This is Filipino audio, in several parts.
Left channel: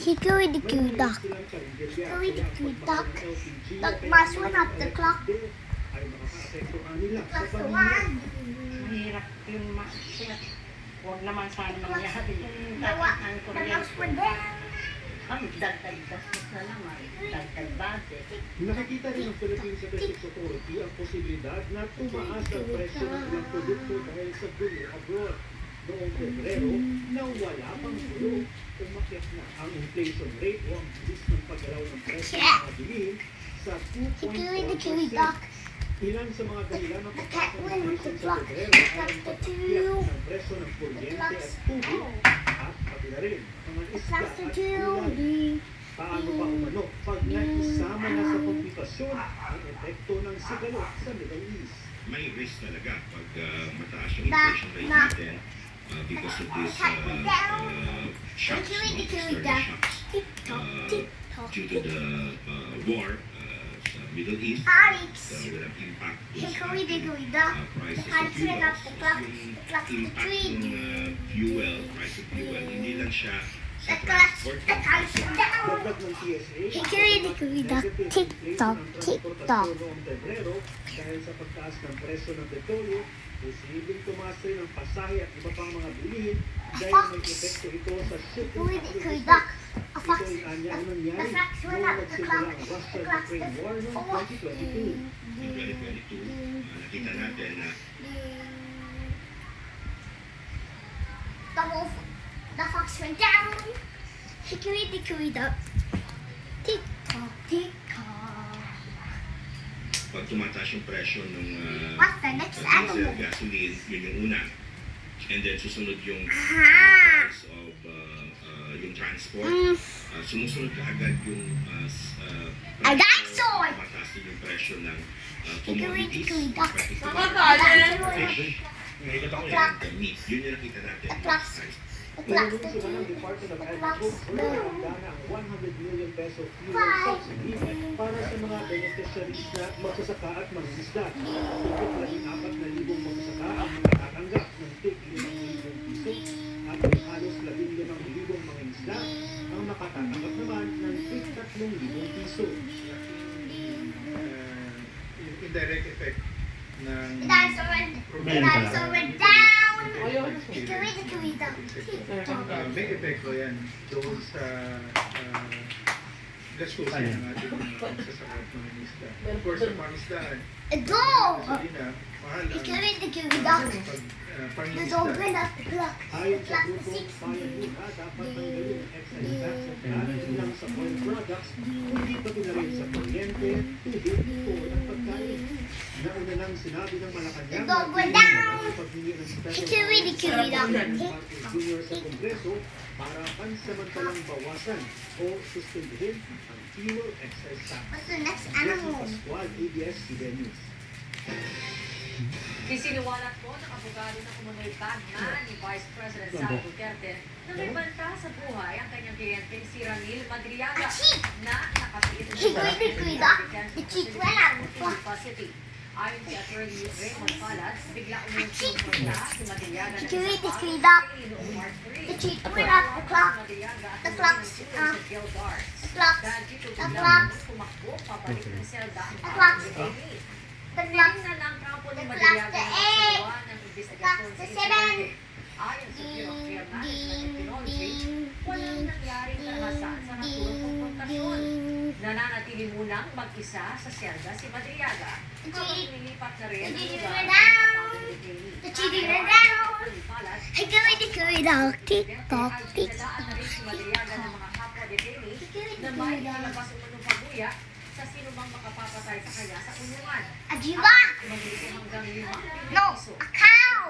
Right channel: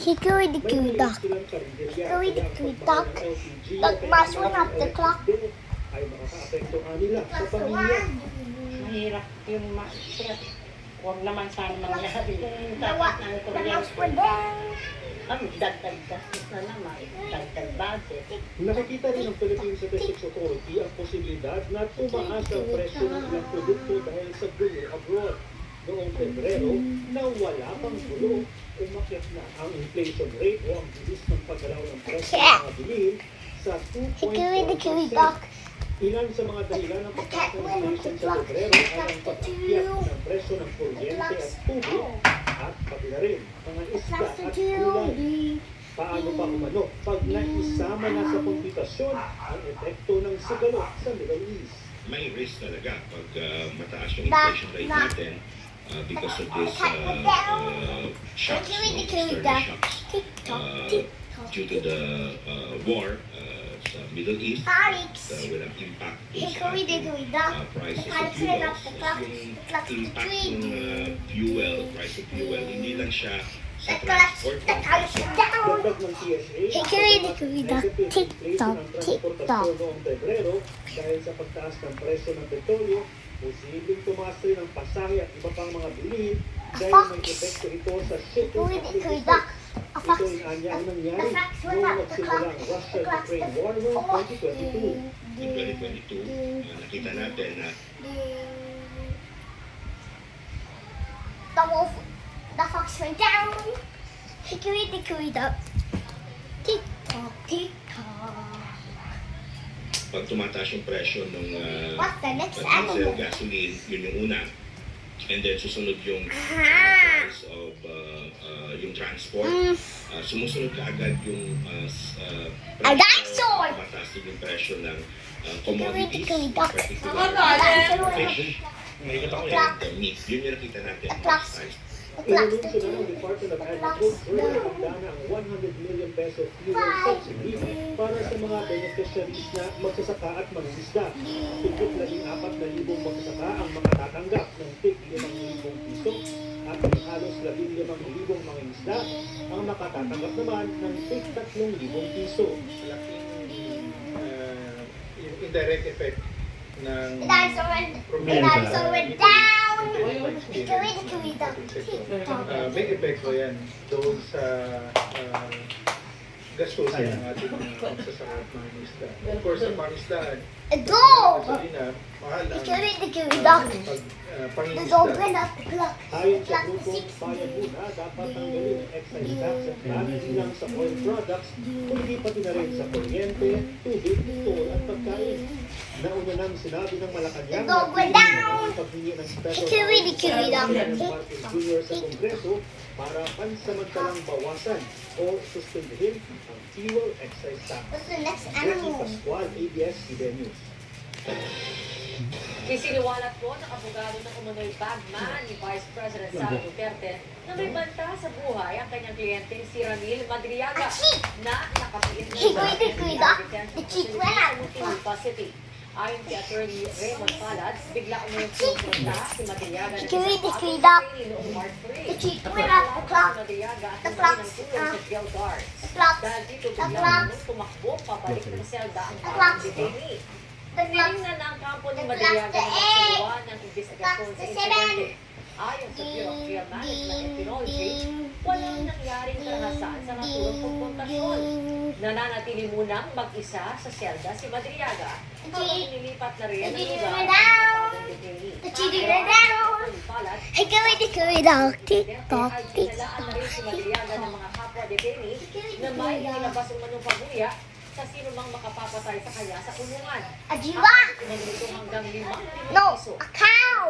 Hickory-dickory dock. Hickory-dickory dock. The last one at the clock. Ay makakaapekto nila sa Last pamilya. one. Mahirap yun, huwag naman sana mangyari. The last one there. Ang dagdag gastos na naman, dagdag budget. Nakikita rin ng Philippine Statistics Authority ang posibilidad na tumaas ang presyo ng ilang produkto dahil sa gulo abroad. Noong Pebrero, na wala pang gulo, umakyat na ang inflation rate o ang bilis ng paggalaw ng presyo ng mga bilihin sa Hickory-dickory 2.1%. dock. Ilan sa mga dahilan ng pagtaas ng win with inflation the sa clock. Pebrero ay ang The pagtakyat two. ng presyo ng kuryente at tubig at pati na rin mga isda Last at two. gulay. Paano pa umano pag naisama na sa kompetisyon ang epekto ng sigalo sa Middle East? May risk talaga pag mataas yung inflation rate natin because of this shocks, Hickory-dickory external dock. shocks Tick-tock, tick-tock. due to the war sa Middle East. Alex. Will have impact dun sa Hickory-dickory ating, dock. prices The of clock ran fuel. up the clock. Yung The clock's impact ticking. ng fuel, price of fuel, hindi lang siya sa The clock's transport. down. Dagdag ng TSA, Hickory-dickory dock. Tick-tock, tick-tock. Noong Pebrero, dahil sa pagtaas ng presyo ng petrolyo, posibleng tumaas rin ang pasahe at iba pang mga bilihin dahil may epekto ito sa shipping at Hickory-dickory logistics. dock. A Ito fox. ay anya ang nangyari The fox went noong up the magsimula clock. ang The Russia-Ukraine war noong 2022. In 2022, nakita natin na The wolf, the fox went down. Hickory-dickory dock. Tick-tock, tick-tock. pag tumataas yung presyo ng What's the next diesel, animal? gasoline, yun yung una. And then susunod yung Ah! price of yung transport. Mm. Sumusunod ka agad yung A dinosaur! mataas din yung presyo ng commodities. Hickory-dickory dock. particular fish, and meat. Yun yung nakita natin. The clocks. The clock's Inumin sila ng Department of Agriculture na handa na ang 100 million peso fuel subsidy para sa mga beneficiaries na magsasaka at mangingisda. Higit 14,000 magsasaka ang mga tatanggap ng tig 5,000 piso at may halos 15,000 mangingisda ang nakatatanggap naman ng tig 3,000 piso. Indirect effect ng The dinosaur went down. Hickory-dickory dock. Tick-tock. may epekto yan doon sa gastusin ng ating magsasaka at mga isda. Of course, sa pangisdaan, A dog! gasolina, mahal ang Hickory-dickory dock. The pangingisda. dog ran up the clock. Ayon The sa clock grupo, was bayan 16. muna dapat tanggalin ang excise tax at hindi lang sa oil products, kundi pati na rin sa kuryente, tubig, toll at pagkain. Nauna nang sinabi ng Malacanang The dog went down. paghingi ng special Hickory-dickory dock. Martin Jr. sa Kongreso para pansamantalang bawasan o suspindihin ang fuel excise tax. What's the next Jesse animal? Pascual, ABS-CBN News. Isiniwalat po ng abogado ng umunoy bagman ni Vice President Sara Duterte na may banta sa buhay ang kanyang kliyente si Ramil Madriaga na nakatiis na Hickory-dickory dock. The chick ran out the clock. City. Ayon kay Attorney Raymond Palad, bigla umuyong pumunta si Madriaga na Hickory-dickory dock. noong March 3. The chick ran out the clock. The clock's, the clock. Dahil dito The bigla clock. umuyong tumakbo pabalik sa selda ang The clock. detainee. The clock. Tingnan na ang kampo ni The Madriaga clock, the na eight. nagsasawa ng investigasyon Clock, sa the insidente. seven. Ayon sa Bureau of Care Management and Ding, Technology, ding, walang nangyaring karahasan sa naturang konfrontasyon. ding. Nananatili munang mag-isa sa selda si Madriaga habang nilipat na rin ang Hindi lugar na ng daw. natatawag detainee. The chicken ran down. Palad, Hickory-dickory dock. Tick-tock, Pinalaan na tick-tock. rin si Madriaga ng mga kapwa detainee na may inilabas umanong pabuya sa sino mang makapapatay sa kanya sa kulungan. A giraffe. Manito hanggang 5 No, piso. a cow.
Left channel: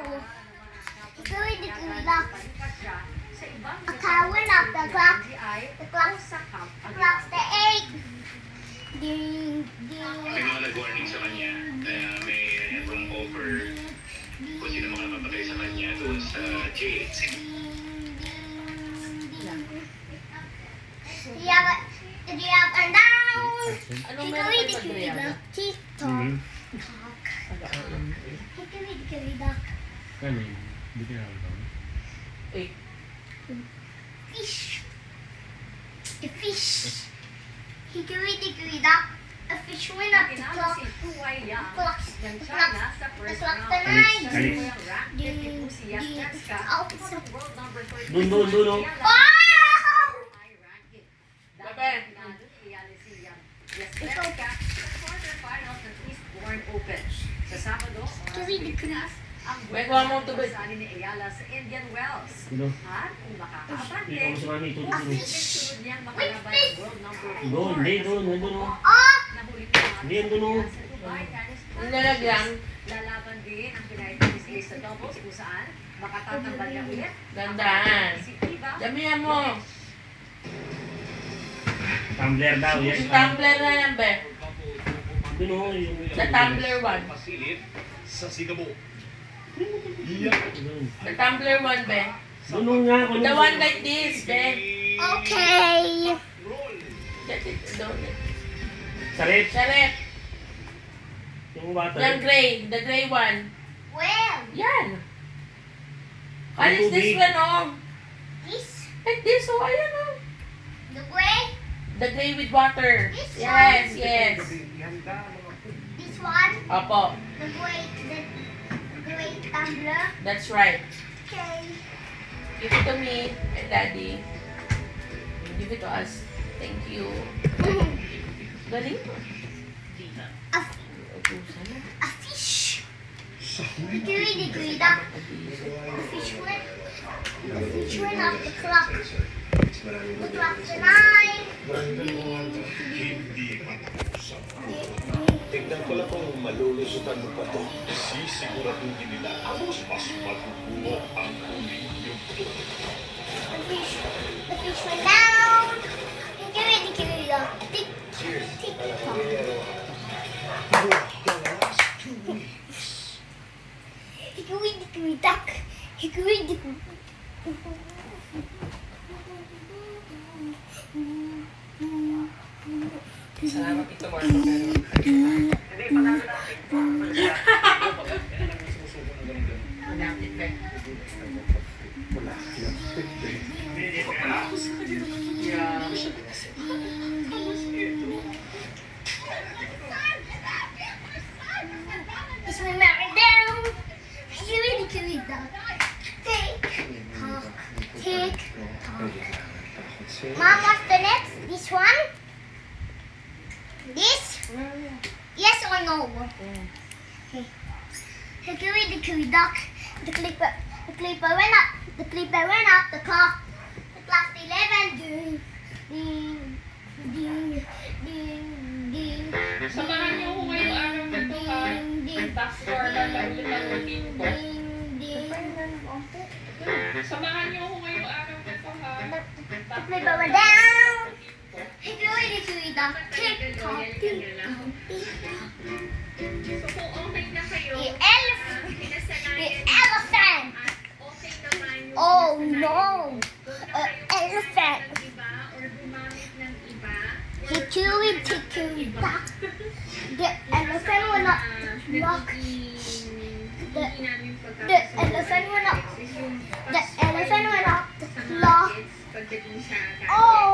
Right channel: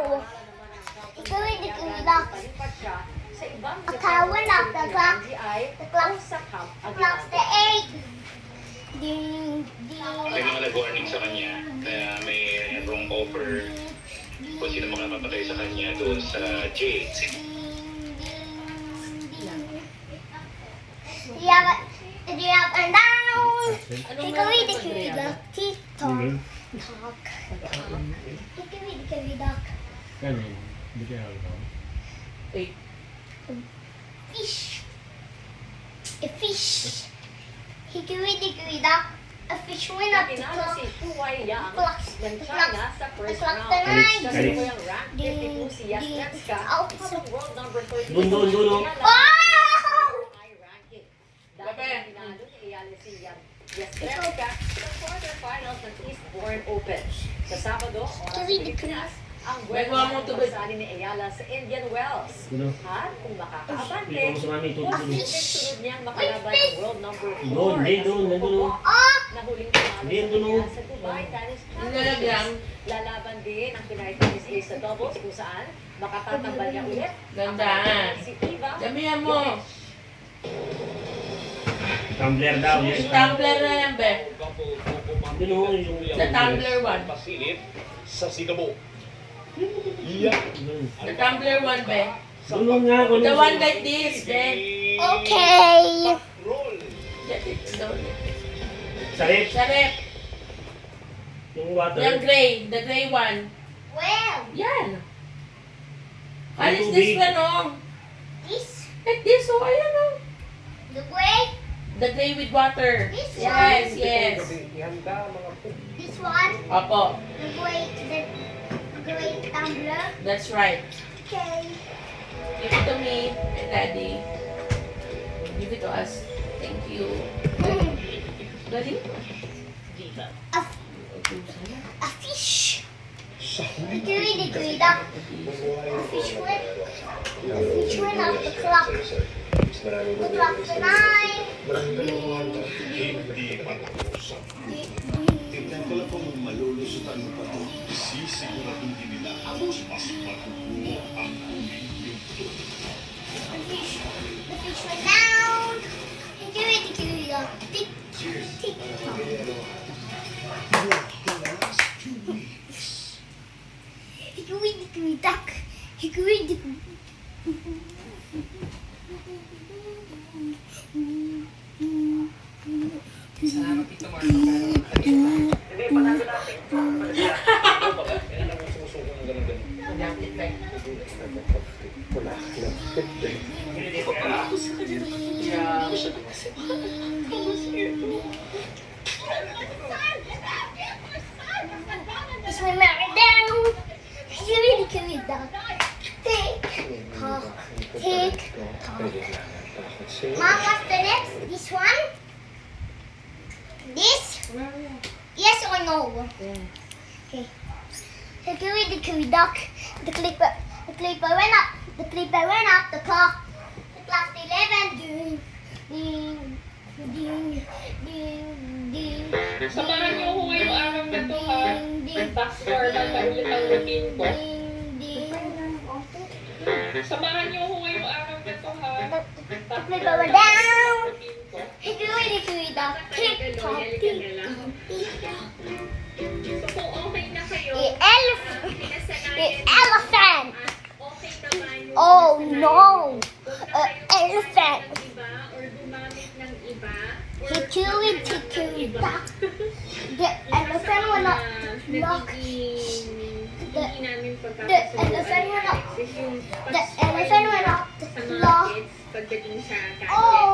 Hickory-dickory dock. Palipat siya sa ibang A cow went up the clock. NBI The clock. o sa Camp The clock's the Aguinaldo. 8. Ding, may ding. mga nag-warning sa kanya na may wrong offer kung sino mga mapatay sa kanya doon sa jail. The giraffe went down. Hickory-dickory dock. Tick-tock. Tock. Hickory-dickory dock. Fish. A fish. Hickory-dickory dock. A fish went up the Tinalo clock. si Huai Yang Clock. ng The China clock. sa The first clock round. tonight. Kasalukuyang rank 52 si Ding, Yasnetska ding. at world number 32 Dun, dun, dun, oh. Wow! high ranking. Dahil ang pinalo ni Ayala si Yasnetska sa quarterfinals ng Eastbourne Open. Sa Sabado, oras ng Pilipinas, ang Bagwa mo tubig. sali ni Ayala sa Indian Wells. Ano? At kung makakaabante, Ikaw mo sa mami, tutulog. sunod niyang makalaban ang world number 4. Doon, hindi, doon, nandun, oh. Ah! Na huling panalo Hindi, nandun, oh. sa Dubai Tennis Nilalag lang. Lalaban din ang Pinay Tennis Ace sa doubles kung saan makatatambal niya ulit. Gandaan. Si Eva. Damihan mo. Tumbler daw, yes. Yung tumbler na yan, be. Dun, oh, yung- The tumbler one. Pasilip sa Singapore. Dun. The tumbler one, be. Dun, oh, nga, kung- The one like this, be. Okay. Roll. That is doon. Sarip. Sarap. Yung water. Yung gray. The gray one. Well, Yan. What Yung is this tubig. one, oh? this, Like this, oh. Ayan, oh. the gray, The gray with water. This Yes, one? yes. this one, Opo. the gray tumbler. That's right. Okay. Give it to me and Daddy. Give it to us. Thank you. Galing. A, a fish. Hickory-dickory dock. A fish went up the clock. The clock tonight. Hindi matapos. Tignan ko lang kung malulusutan mo pa ito. Sisiguraduhin nila mas matutuwa ang huling yugto. The fish went down. Hickory-dickory dock. Tick, tick, tock. Hickory-dickory dock. Hickory-dickory. Salamat, Tito Marco. It's my married down. Hickory-dickory dock. Tick, tock, tick, tock. Mom, what's the next? This one? This? Yes or no? Okay. Hickory-dickory dock. The clipper went up. The clipper went up. The clock. The clock 11. Ding, ding, ding, ding, ding. Samahan niyo ko ngayong araw na to, ha? Ding, ding, Password ang ulit ang routine ko. ding, ding. Samahan niyo ko ngayong araw na to, ha? The clipper went down. Hickory-dickory dock. Tick tock, tick tock, tick tock. So kung okay na kayo, The elephant. The pinasanayan elephant. at okay naman yung Oh pinasanayan no. Elephant. ng iba or gumamit ng iba or Hickory-dickory dock. The elephant went up the clock. hindi namin The elephant went up. The elephant went up the clock. pagdating sa Oh